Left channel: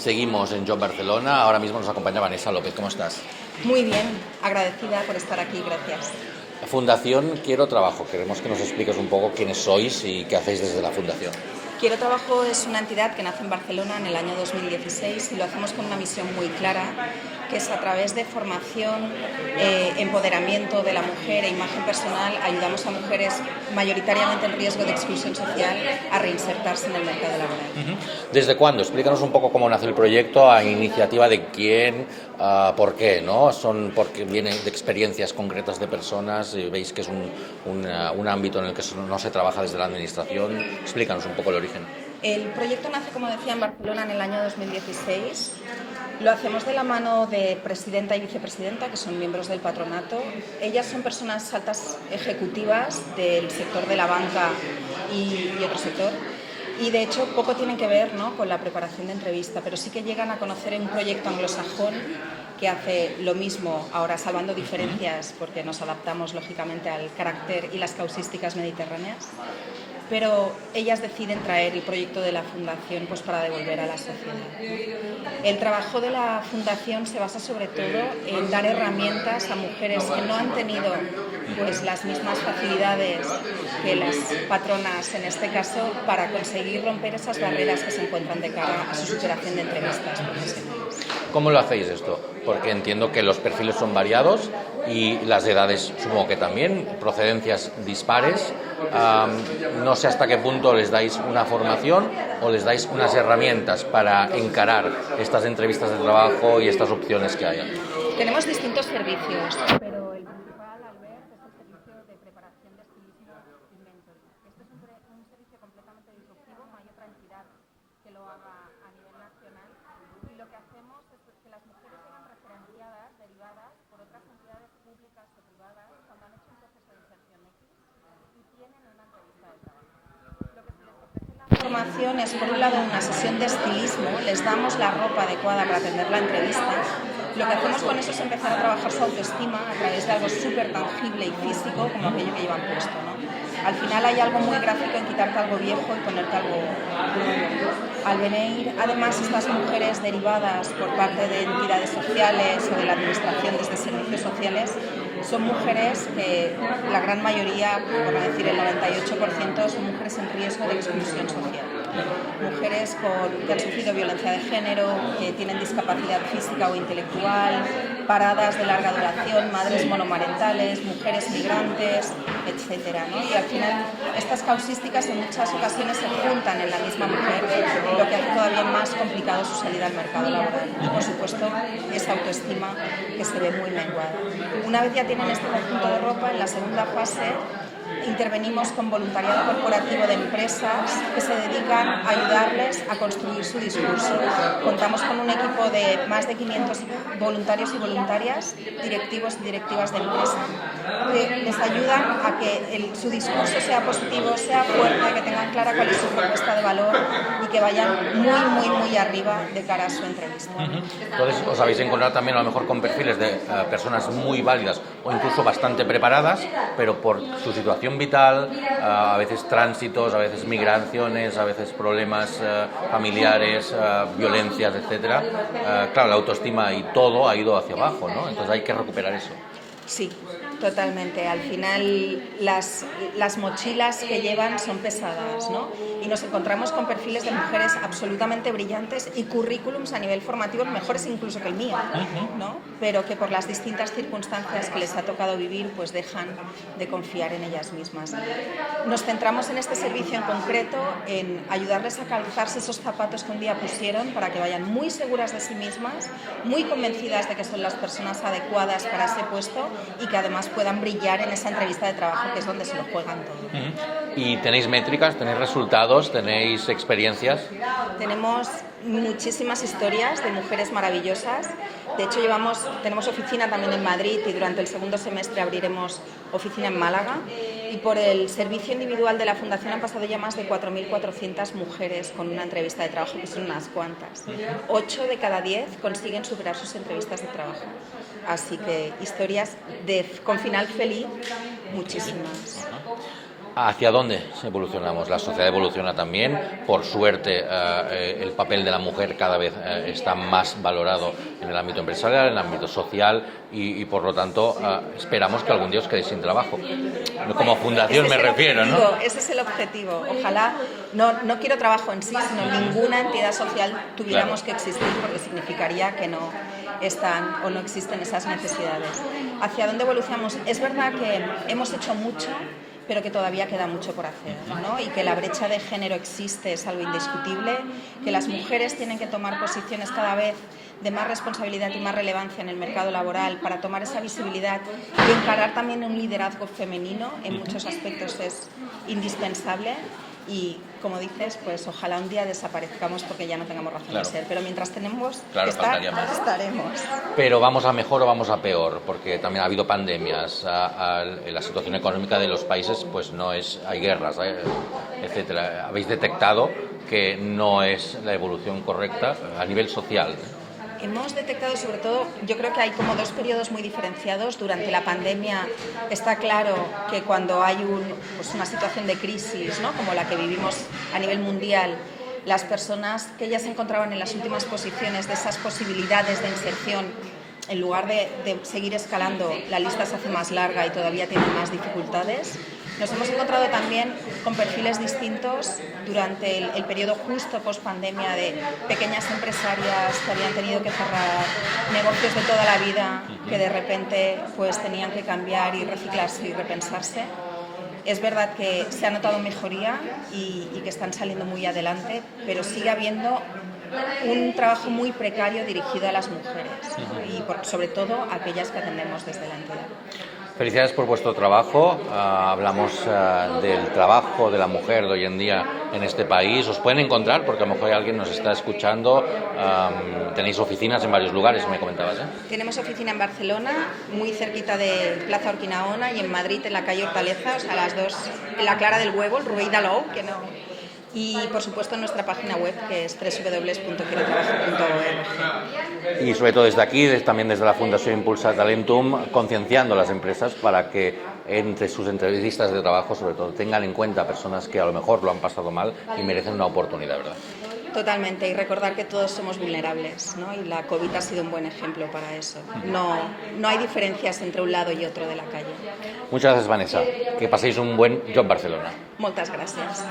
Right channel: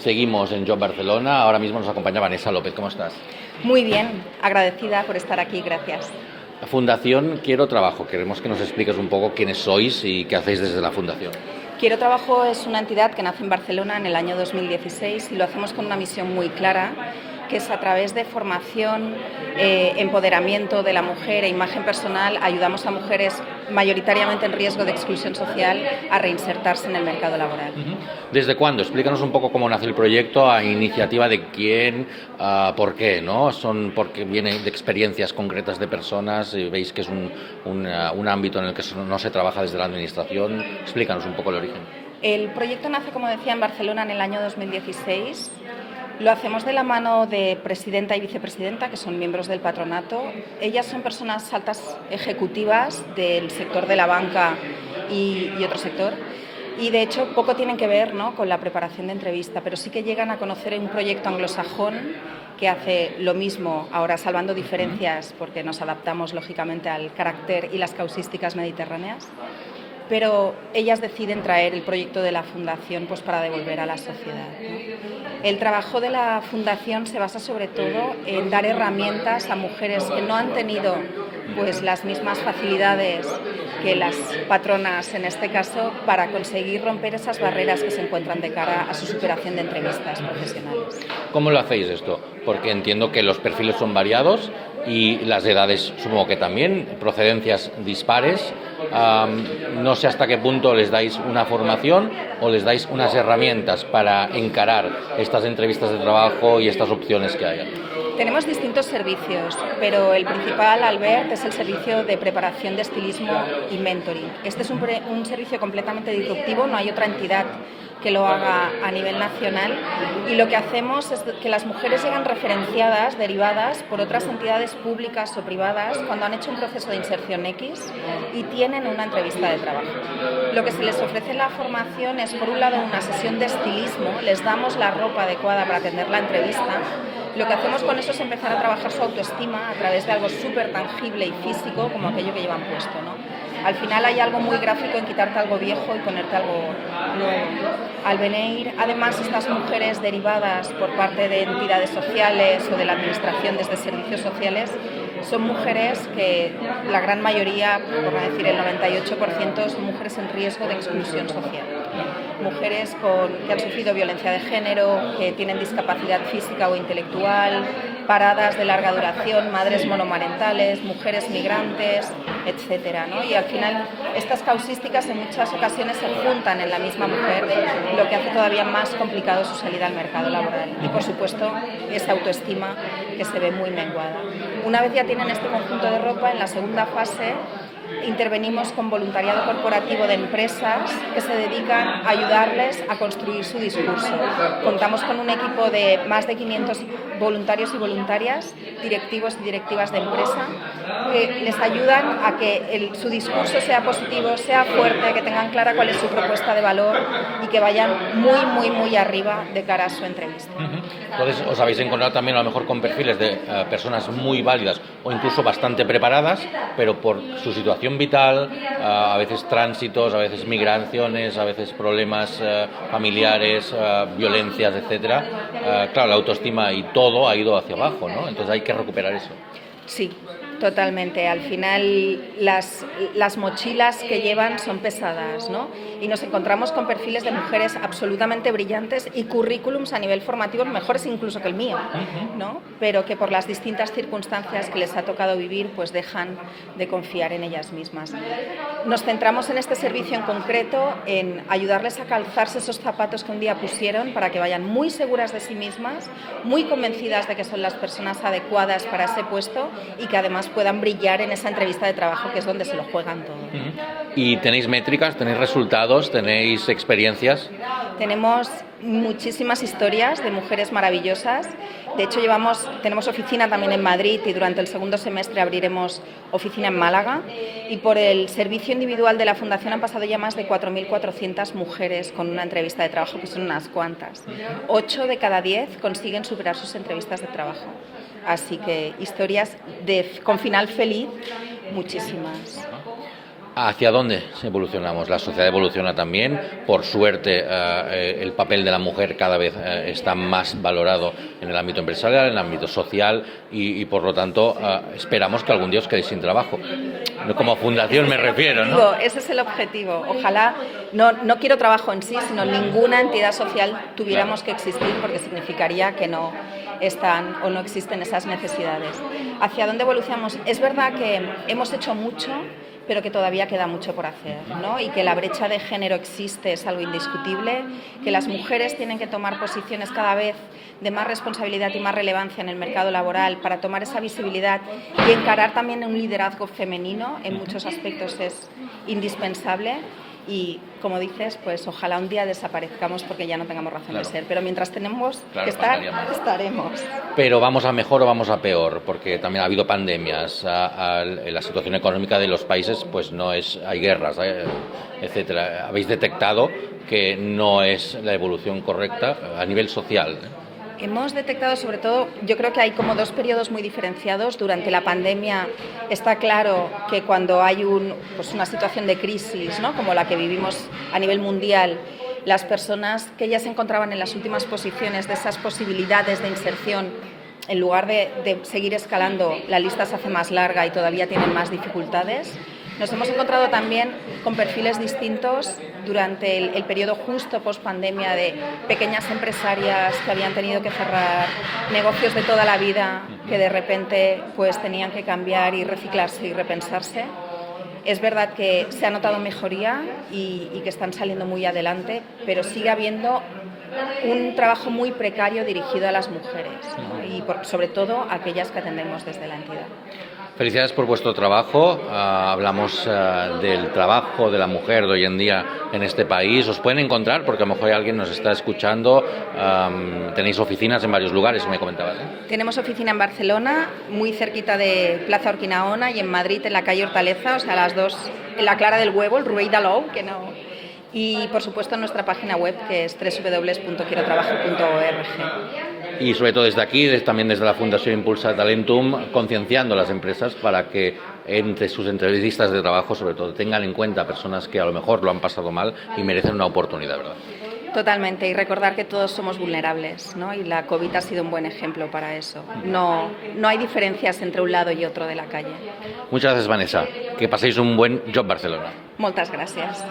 Seguimos en Job Barcelona. Ahora mismo nos acompaña Vanessa López. ¿Cómo estás? Muy bien, agradecida por estar aquí, gracias. La Fundación Quiero Trabajo. Queremos que nos expliques un poco quiénes sois y qué hacéis desde la Fundación. Quiero Trabajo es una entidad que nace en Barcelona en el año 2016 y lo hacemos con una misión muy clara, que es a través de formación, empoderamiento de la mujer e imagen personal, ayudamos a mujeres mayoritariamente en riesgo de exclusión social a reinsertarse en el mercado laboral. ¿Desde cuándo? Explícanos un poco cómo nace el proyecto, a iniciativa de quién, por qué, ¿no? Porque viene de experiencias concretas de personas, y veis que es un ámbito en el que no se trabaja desde la administración. Explícanos un poco el origen. El proyecto nace, como decía, en Barcelona en el año 2016. Lo hacemos de la mano de presidenta y vicepresidenta, que son miembros del patronato. Ellas son personas altas ejecutivas del sector de la banca y otro sector. Y de hecho poco tienen que ver, ¿no?, con la preparación de entrevista, pero sí que llegan a conocer un proyecto anglosajón que hace lo mismo, ahora salvando diferencias porque nos adaptamos lógicamente al carácter y las causísticas mediterráneas. Pero ellas deciden traer el proyecto de la Fundación pues para devolver a la sociedad, ¿no? El trabajo de la Fundación se basa sobre todo en dar herramientas a mujeres que no han tenido pues las mismas facilidades que las patronas en este caso para conseguir romper esas barreras que se encuentran de cara a su superación de entrevistas profesionales. ¿Cómo lo hacéis esto? Porque entiendo que los perfiles son variados y las edades supongo que también, procedencias dispares. No sé hasta qué punto les dais una formación o les dais unas herramientas para encarar estas entrevistas de trabajo y estas opciones que haya. Tenemos distintos servicios, pero el principal, Albert, es el servicio de preparación de estilismo y mentoring. Este es un servicio completamente disruptivo, no hay otra entidad que lo haga a nivel nacional, y lo que hacemos es que las mujeres llegan referenciadas, derivadas por otras entidades públicas o privadas cuando han hecho un proceso de inserción X y tienen una entrevista de trabajo. Lo que se les ofrece en la formación es, por un lado, una sesión de estilismo, les damos la ropa adecuada para atender la entrevista. Lo que hacemos con eso es empezar a trabajar su autoestima a través de algo súper tangible y físico como aquello que llevan puesto, ¿no? Al final hay algo muy gráfico en quitarte algo viejo y ponerte algo nuevo. Al venir, además, estas mujeres derivadas por parte de entidades sociales o de la administración desde servicios sociales, son mujeres que la gran mayoría, por no decir el 98%, son mujeres en riesgo de exclusión social. Mujeres que han sufrido violencia de género, que tienen discapacidad física o intelectual, paradas de larga duración, madres monomarentales, mujeres migrantes, etcétera, ¿no? Y al final estas causísticas en muchas ocasiones se juntan en la misma mujer, lo que hace todavía más complicado su salida al mercado laboral. Y por supuesto esa autoestima que se ve muy menguada. Una vez ya tienen este conjunto de ropa, en la segunda fase intervenimos con voluntariado corporativo de empresas que se dedican a ayudarles a construir su discurso. Contamos con un equipo de más de 500 voluntarios y voluntarias, directivos y directivas de empresa, que les ayudan a que su discurso sea positivo, sea fuerte, a que tengan clara cuál es su propuesta de valor y que vayan muy arriba de cara a su entrevista. Entonces, os habéis encontrado también a lo mejor con perfiles de personas muy válidas o incluso bastante preparadas, pero por su situación vital, a veces tránsitos, a veces migraciones, a veces problemas familiares, violencias, etcétera. Claro, la autoestima y todo ha ido hacia abajo, ¿no? Entonces hay que recuperar eso. Sí, totalmente. Al final las mochilas que llevan son pesadas, ¿no? Y nos encontramos con perfiles de mujeres absolutamente brillantes y currículums a nivel formativo mejores incluso que el mío, ¿no? Pero que por las distintas circunstancias que les ha tocado vivir pues dejan de confiar en ellas mismas. Nos centramos en este servicio en concreto en ayudarles a calzarse esos zapatos que un día pusieron para que vayan muy seguras de sí mismas, muy convencidas de que son las personas adecuadas para ese puesto y que además puedan brillar en esa entrevista de trabajo, que es donde se lo juegan todo. ¿Y tenéis métricas, tenéis resultados, tenéis experiencias? Tenemos muchísimas historias de mujeres maravillosas. De hecho, tenemos oficina también en Madrid y durante el segundo semestre abriremos oficina en Málaga. Y por el servicio individual de la Fundación han pasado ya más de 4.400 mujeres con una entrevista de trabajo, que son unas cuantas. 8 de cada 10 consiguen superar sus entrevistas de trabajo. Así que historias con final feliz, muchísimas. ¿Hacia dónde evolucionamos? La sociedad evoluciona también. Por suerte, el papel de la mujer cada vez está más valorado en el ámbito empresarial, en el ámbito social y por lo tanto, esperamos que algún día os quedéis sin trabajo. Como fundación me refiero, ¿no? Ese es el objetivo. Ojalá, no quiero trabajo en sí, sino ninguna entidad social tuviéramos que existir, porque significaría que no están o no existen esas necesidades. ¿Hacia dónde evolucionamos? Es verdad que hemos hecho mucho, pero que todavía queda mucho por hacer, ¿no? Y que la brecha de género existe, es algo indiscutible, que las mujeres tienen que tomar posiciones cada vez de más responsabilidad y más relevancia en el mercado laboral para tomar esa visibilidad y encarar también un liderazgo femenino en muchos aspectos es indispensable. Y, como dices, pues ojalá un día desaparezcamos porque ya no tengamos razón de ser. Pero mientras tenemos que estar, estaremos. Pero ¿vamos a mejor o vamos a peor? Porque también ha habido pandemias, la situación económica de los países pues no es, hay guerras, etcétera. ¿Habéis detectado que no es la evolución correcta a nivel social? Hemos detectado, sobre todo, yo creo que hay como dos periodos muy diferenciados. Durante la pandemia está claro que cuando hay una situación de crisis, ¿no?, como la que vivimos a nivel mundial, las personas que ya se encontraban en las últimas posiciones de esas posibilidades de inserción, en lugar de seguir escalando, la lista se hace más larga y todavía tienen más dificultades. Nos hemos encontrado también con perfiles distintos durante el periodo justo post-pandemia de pequeñas empresarias que habían tenido que cerrar, negocios de toda la vida que de repente pues tenían que cambiar y reciclarse y repensarse. Es verdad que se ha notado mejoría y que están saliendo muy adelante, pero sigue habiendo un trabajo muy precario dirigido a las mujeres y sobre todo a aquellas que atendemos desde la entidad. Felicidades por vuestro trabajo. Hablamos del trabajo de la mujer de hoy en día en este país. Os pueden encontrar, porque a lo mejor alguien nos está escuchando. Tenéis oficinas en varios lugares, me comentabas, ¿eh? Tenemos oficina en Barcelona, muy cerquita de Plaza Urquinaona, y en Madrid, en la calle Hortaleza, o sea, las dos, en la Clara del Huevo, el Rueil-d'Alou, que no... Y, por supuesto, en nuestra página web, que es www.quierotrabajo.org. Y sobre todo desde aquí, también desde la Fundación Impulsa Talentum, concienciando a las empresas para que entre sus entrevistas de trabajo, sobre todo, tengan en cuenta personas que a lo mejor lo han pasado mal y merecen una oportunidad, ¿verdad? Totalmente, y recordar que todos somos vulnerables, ¿no? Y la COVID ha sido un buen ejemplo para eso. No hay diferencias entre un lado y otro de la calle. Muchas gracias, Vanessa. Que paséis un buen Job Barcelona. Moltes gràcies.